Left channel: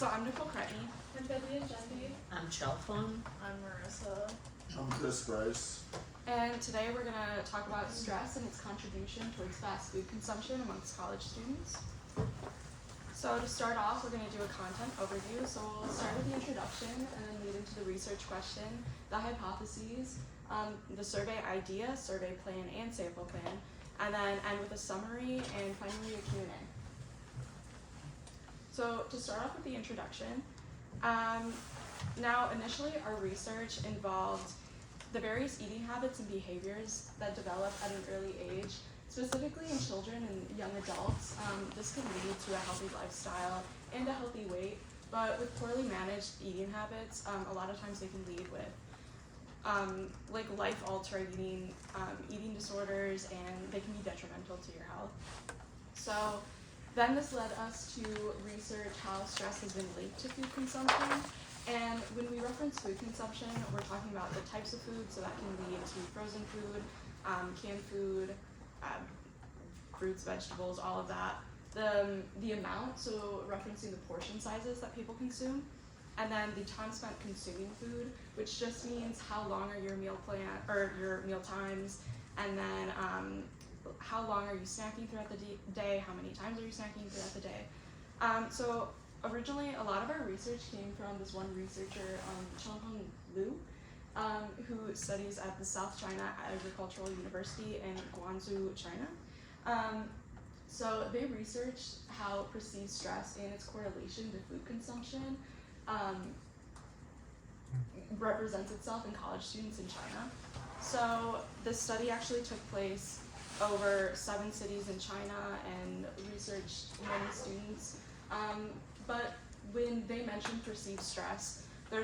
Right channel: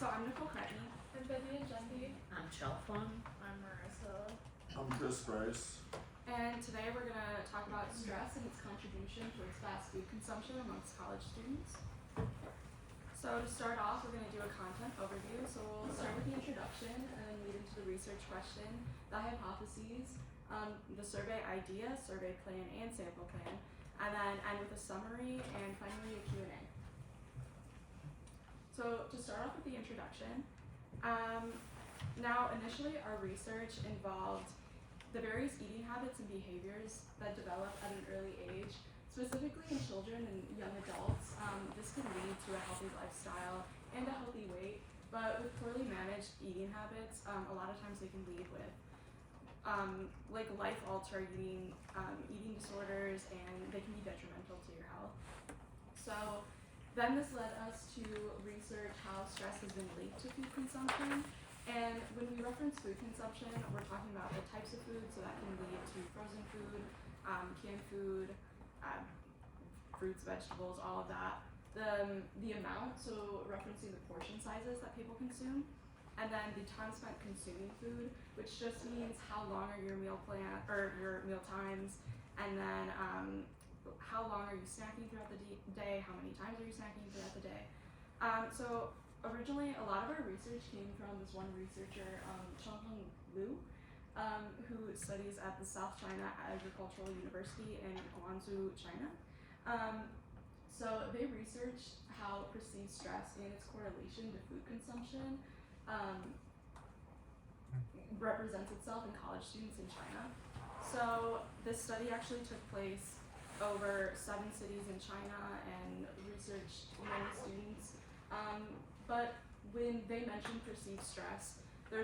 So I'm Nicole Cretney. I'm Vivian Gendy. I'm Chelpham. I'm Marissa. I'm Chris Bryce. And today we're going to talk about stress and its contribution towards fast food consumption amongst college students. So to start off, we're going to do a content overview. So we'll start with the introduction and then lead into the research question, the hypotheses, the survey idea, survey plan, and sample plan, and then end with a summary and finally a Q&A. So to start off with the introduction, now initially our research involved the various eating habits and behaviors that develop at an early age, specifically in children and young adults. This can lead to a healthy lifestyle and a healthy weight, but with poorly managed eating habits, a lot of times they can lead with like life-altering eating disorders, and they can be detrimental to your health. So then this led us to research how stress has been linked to food consumption. And when we reference food consumption, we're talking about the types of food, so that can lead to frozen food, canned food, fruits, vegetables, all of that. The amount, so referencing the portion sizes that people consume, and then the time spent consuming food, which just means how long are your meal plan or your meal times, and then how long are you snacking throughout the day, how many times are you snacking throughout the day. So originally, a lot of our research came from this one researcher, Chonghong Liu, who studies at the South China Agricultural University in Guangzhou, China. So they researched how perceived stress and its correlation to food consumption represents itself in college students in China. So this study actually took place over 7 cities in China and researched many students. But when they mentioned perceived stress, they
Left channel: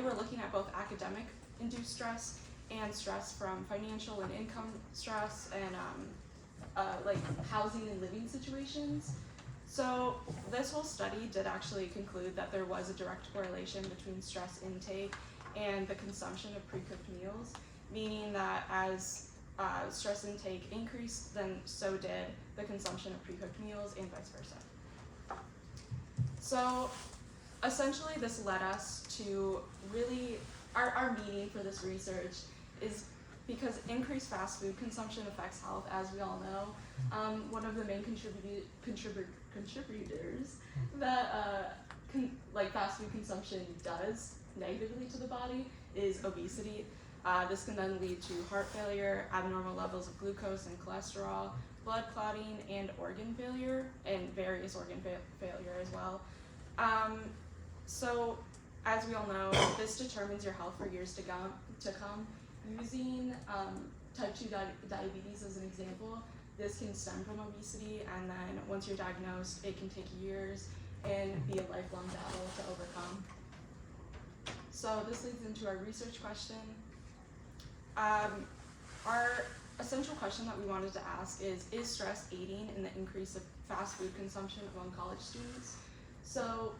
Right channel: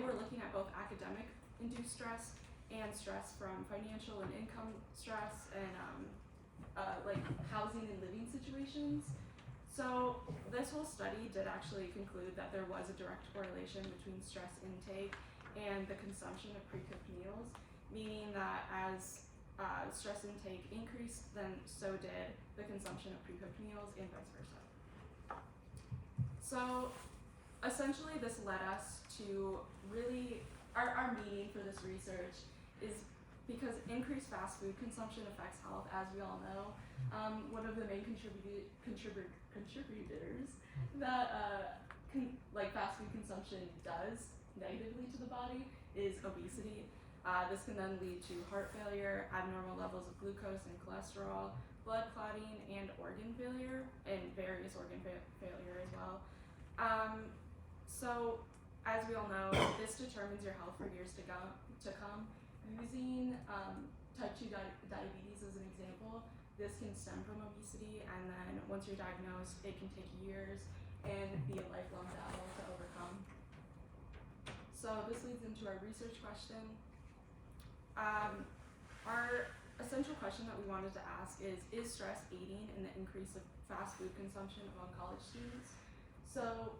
were looking at both academic induced stress and stress from financial and income stress and like housing and living situations. So this whole study did actually conclude that there was a direct correlation between stress intake and the consumption of pre-cooked meals, meaning that as stress intake increased, then so did the consumption of pre-cooked meals and vice versa. So essentially this led us to really, our meaning for this research is because increased fast food consumption affects health, as we all know. One of the main contributors that like fast food consumption does negatively to the body is obesity. This can then lead to heart failure, abnormal levels of glucose and cholesterol, blood clotting, and organ failure, and various organ failure as well. So, as we all know, this determines your health for years to come. Using type 2 diabetes as an example, this can stem from obesity, and then once you're diagnosed, it can take years and be a lifelong battle to overcome. So this leads into our research question. Our essential question that we wanted to ask is stress aiding in the increase of fast food consumption among college students? So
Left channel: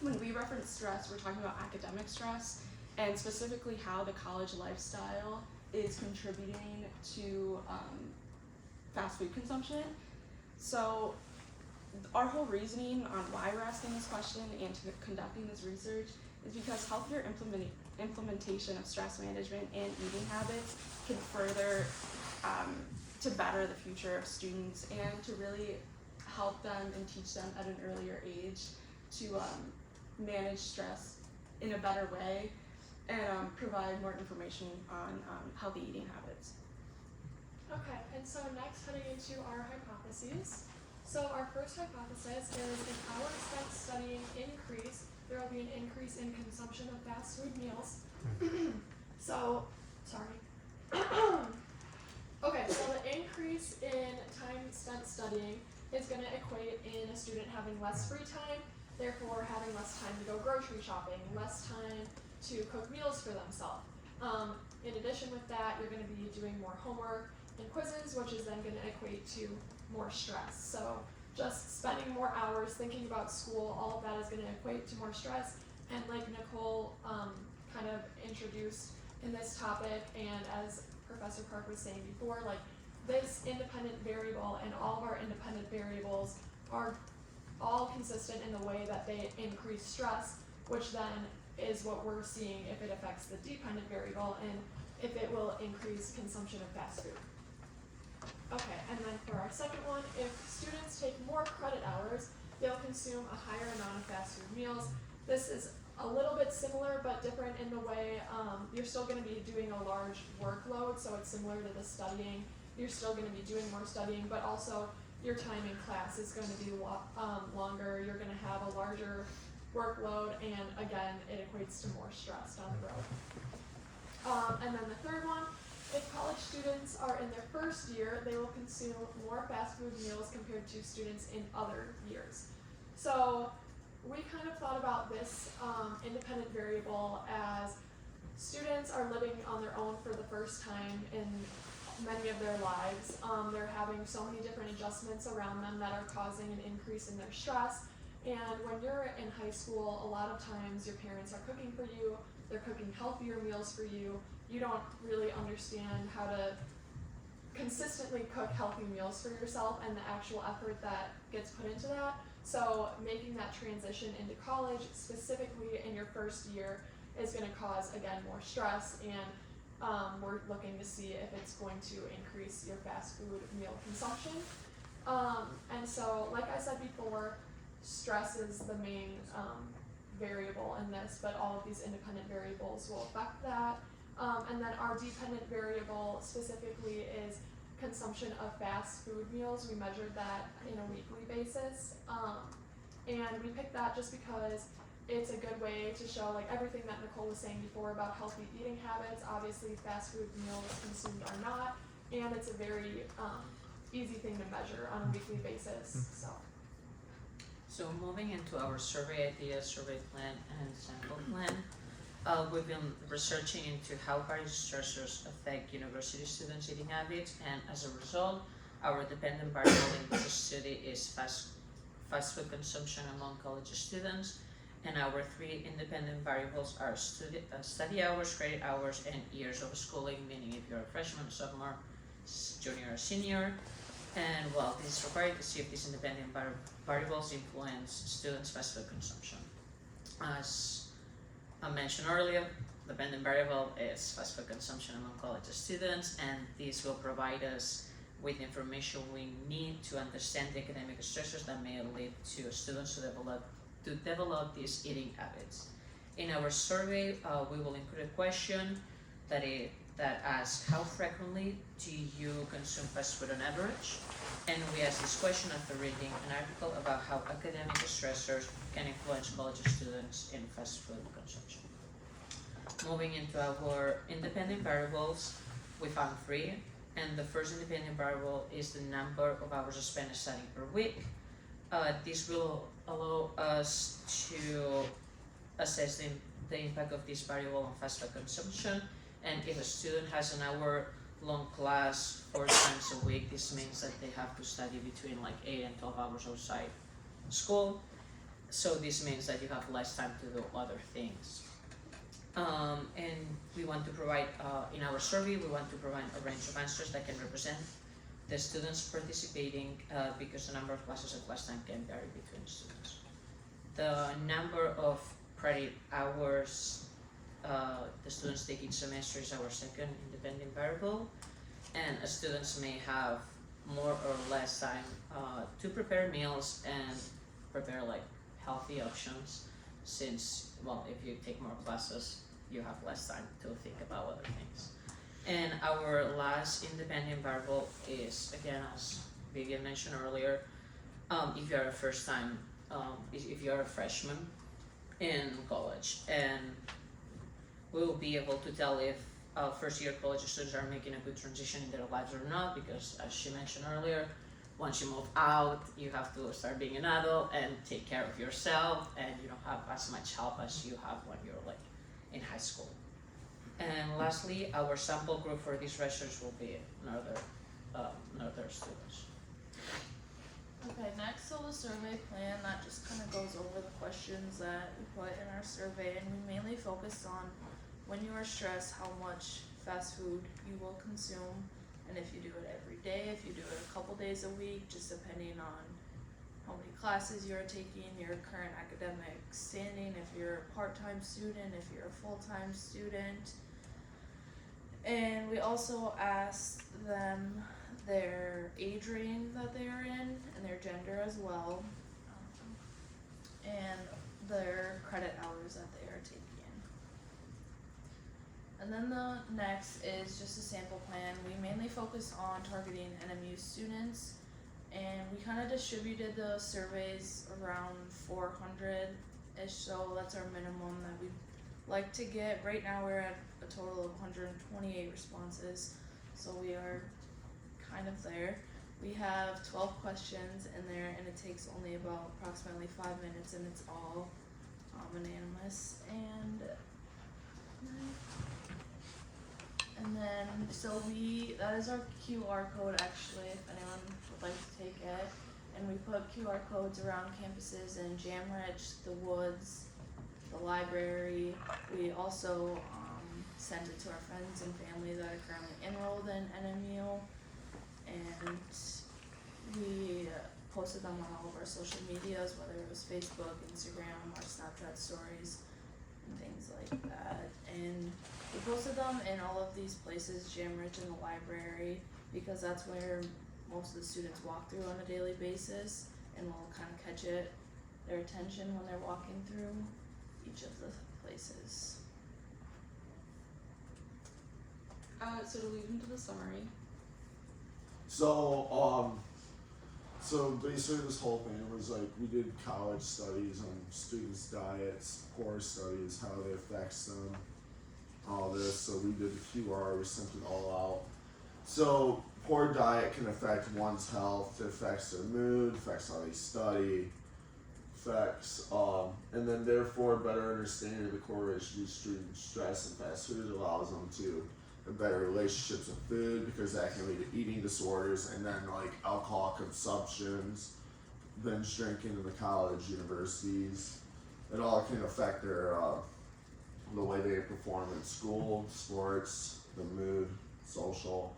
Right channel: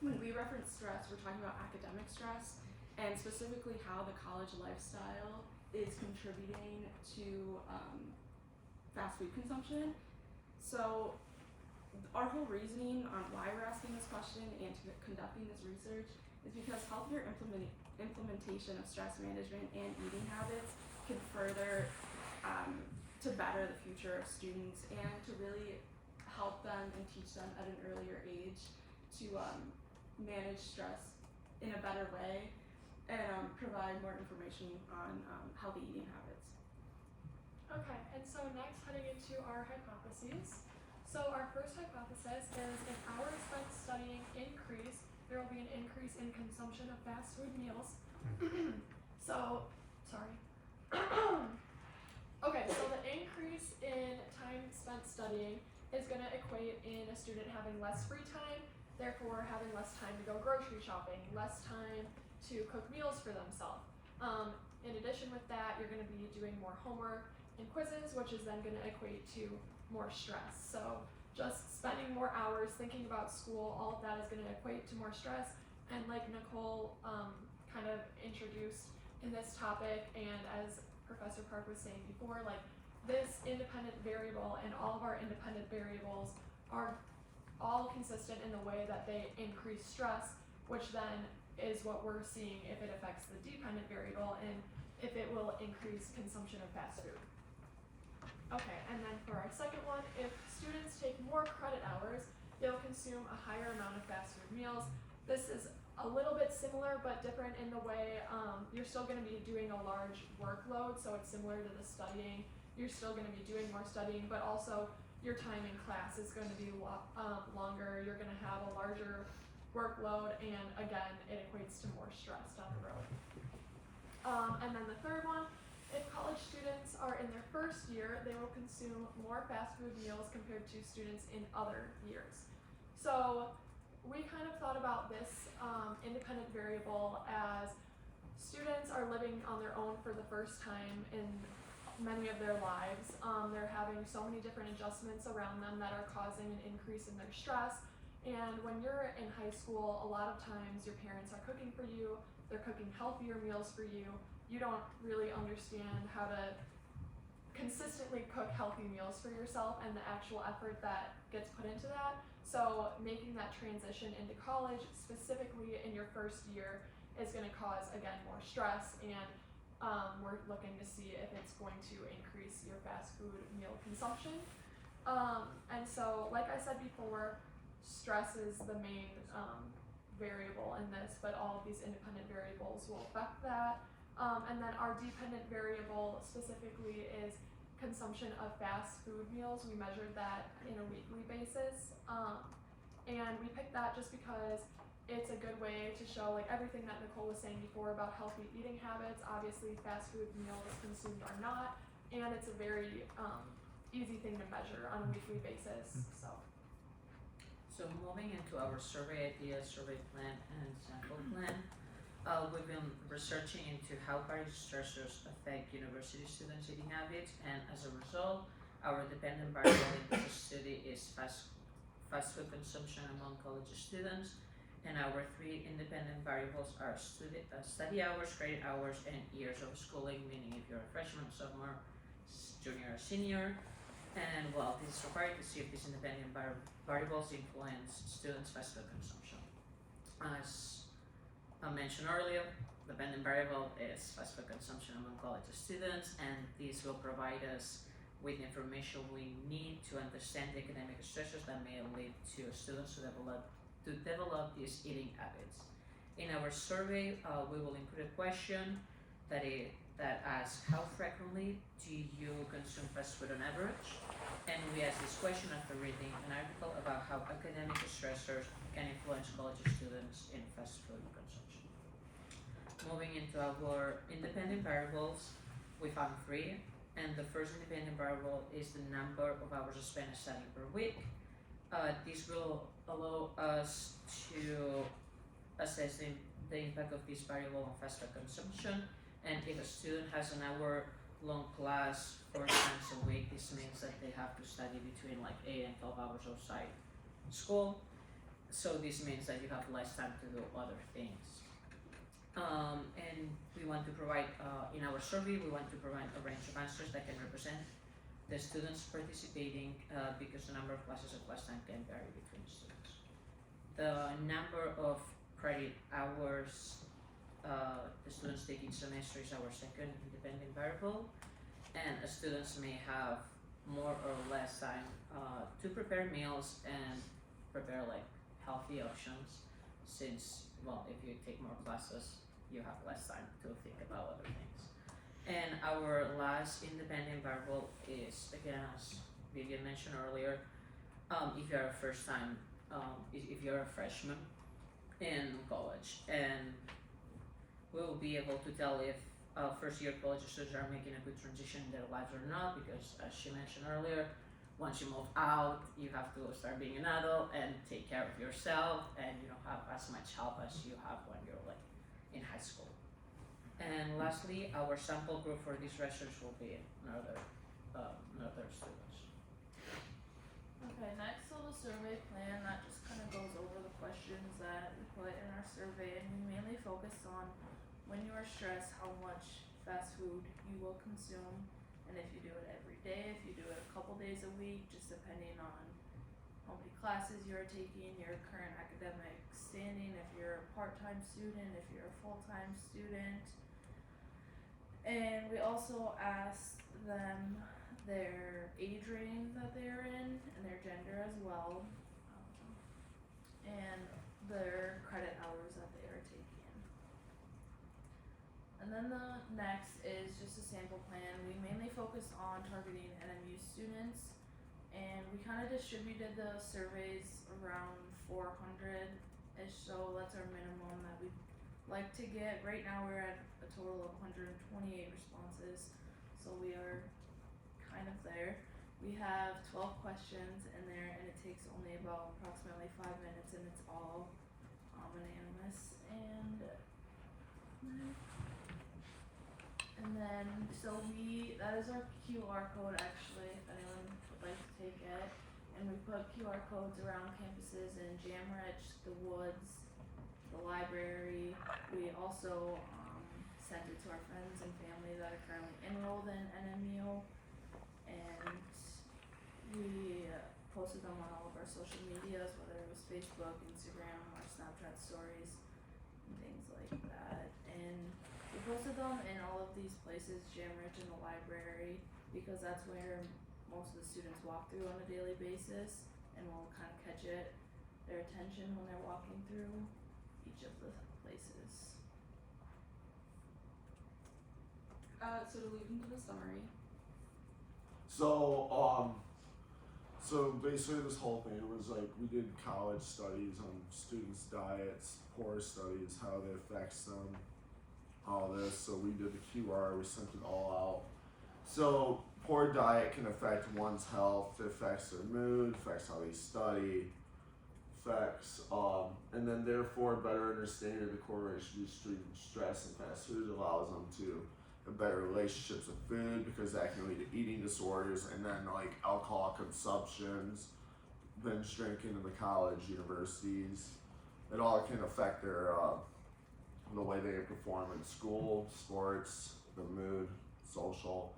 when we reference stress, we're talking about academic stress, and specifically how the college lifestyle is contributing to fast food consumption. So our whole reasoning on why we're asking this question and conducting this research is because healthier implementation of stress management and eating habits can further to better the future of students and to really help them and teach them at an earlier age to manage stress in a better way and provide more information on healthy eating habits. Okay, and so next heading into our hypotheses. So our first hypothesis is if hours spent studying increase, there will be an increase in consumption of fast food meals. So, sorry. Okay, so the increase in time spent studying is going to equate in a student having less free time, therefore having less time to go grocery shopping, less time to cook meals for themselves. In addition with that, you're going to be doing more homework and quizzes, which is then going to equate to more stress. So just spending more hours thinking about school, all of that is going to equate to more stress. And like Nicole kind of introduced in this topic, and as Professor Park was saying before, like this independent variable and all of our independent variables are all consistent in the way that they increase stress, which then is what we're seeing if it affects the dependent variable and if it will increase consumption of fast food. Okay, and then for our second one, if students take more credit hours, they'll consume a higher amount of fast food meals. This is a little bit similar but different in the way you're still going to be doing a large workload, so it's similar to the studying. You're still going to be doing more studying, but also your time in class is going to be longer. You're going to have a larger workload, and again, it equates to more stress down the road. And then the third one, if college students are in their first year, they will consume more fast food meals compared to students in other years. So we kind of thought about this independent variable as students are living on their own for the first time in many of their lives. They're having so many different adjustments around them that are causing an increase in their stress. And when you're in high school, a lot of times your parents are cooking for you, they're cooking healthier meals for you. You don't really understand how to consistently cook healthy meals for yourself and the actual effort that gets put into that. So making that transition into college, specifically in your first year, is going to cause, again, more stress, and we're looking to see if it's going to increase your fast food meal consumption. And so, like I said before, stress is the main variable in this, but all of these independent variables will affect that. And then our dependent variable specifically is consumption of fast food meals. We measured that in a weekly basis, and we picked that just because it's a good way to show like everything that Nicole was saying before about healthy eating habits. Obviously, fast food meals consumed are not, and it's a very easy thing to measure on a weekly basis. So moving into our survey ideas, survey plan, and sample plan, we've been researching into how various stressors affect university students' eating habits, and as a result, our dependent variable in this study is fast food consumption among college students, and our three independent variables are study hours, credit hours, and years of schooling, meaning if you're a freshman, sophomore, junior, or senior. And well, this is required to see if these independent variables influence students' fast food consumption. As I mentioned earlier, the dependent variable is fast food consumption among college students, and this will provide us with information we need to understand the academic stressors that may lead to students to develop these eating habits. In our survey, we will include a question that asks how frequently do you consume fast food on average, and we ask this question after reading an article about how academic stressors can influence college students in fast food consumption. Moving into our independent variables, we found three, and the first independent variable is the number of hours spent studying per week. This will allow us to assess the impact of this variable on fast food consumption, and if a student has an hour-long class 4 times a week, this means that they have to study between like 8 and 12 hours outside school, so this means that you have less time to do other things. And we want to provide, in our survey, we want to provide a range of answers that can represent the students participating, because the number of classes and class time can vary between students. The number of credit hours the students take each semester is our second independent variable, and students may have more or less time to prepare meals and prepare like healthy options, since, well, if you take more classes, you have less time to think about other things. And our last independent variable is, again, as Vivian mentioned earlier, if you're if you're a freshman in college, and we will be able to tell if first year college students are making a good transition in their lives or not, because as she mentioned earlier, once you move out, you have to start being an adult and take care of yourself, and you don't have as much help as you have when you're like in high school. And lastly, our sample group for these research will be Northern students. Okay, next so the survey plan that just kind of goes over the questions that we put in our survey, and we mainly focus on when you are stressed, how much fast food you will consume, and if you do it every day, if you do it a couple days a week, just depending on how many classes you are taking, your current academic standing, if you're a part-time student, if you're a full-time student. And we also asked them their age range that they are in and their gender as well, and their credit hours that they are taking. And then the next is just a sample plan. We mainly focus on targeting NMU students, and we kind of distributed the surveys around 400-ish, so that's our minimum that we'd like to get. Right now we're at a total of 128 responses, so we are kind of there. We have 12 questions in there, and it takes only about approximately 5 minutes, and it's all anonymous. And then, so that is our QR code actually, if anyone would like to take it. And we put QR codes around campuses in Jamrich, the Woods, the library. We also send it to our friends and family that are currently enrolled in NMU. And we posted them on all of our social medias, whether it was Facebook, Instagram, or Snapchat stories, and things like that. And we posted them in all of these places, Jamrich and the library, because that's where most of the students walk through on a daily basis, and we'll kind of catch their attention when they're walking through each of the places. So to lead into the summary, So basically this whole thing was like we did college studies on students' diets, poor studies, how it affects them, all this. So we did the QR, we sent it all out. So poor diet can affect one's health, it affects their mood, affects how they study, affects and then therefore better understanding the correlation between stress and fast food allows them to have better relationships with food, because that can lead to eating disorders, and then like alcohol consumptions, binge drinking in the college, universities. It all can affect their the way they perform in school, sports, the mood, social,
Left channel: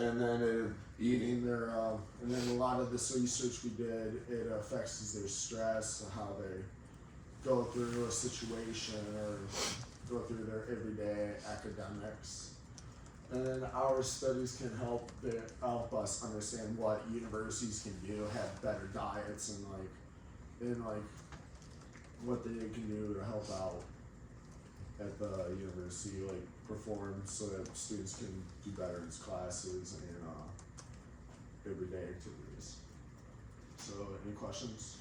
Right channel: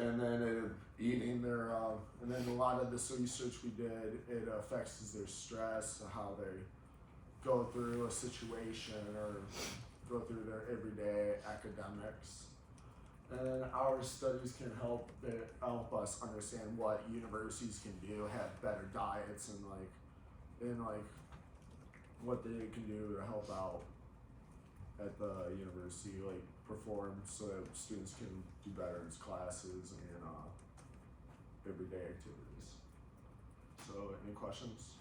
and then eating their and then a lot of this research we did, it affects their stress, how they go through a situation or go through their everyday academics. And our studies can help us understand what universities can do, have better diets, and what they can do to help out at the university, like perform so that students can do better in classes and everyday activities. So, any questions?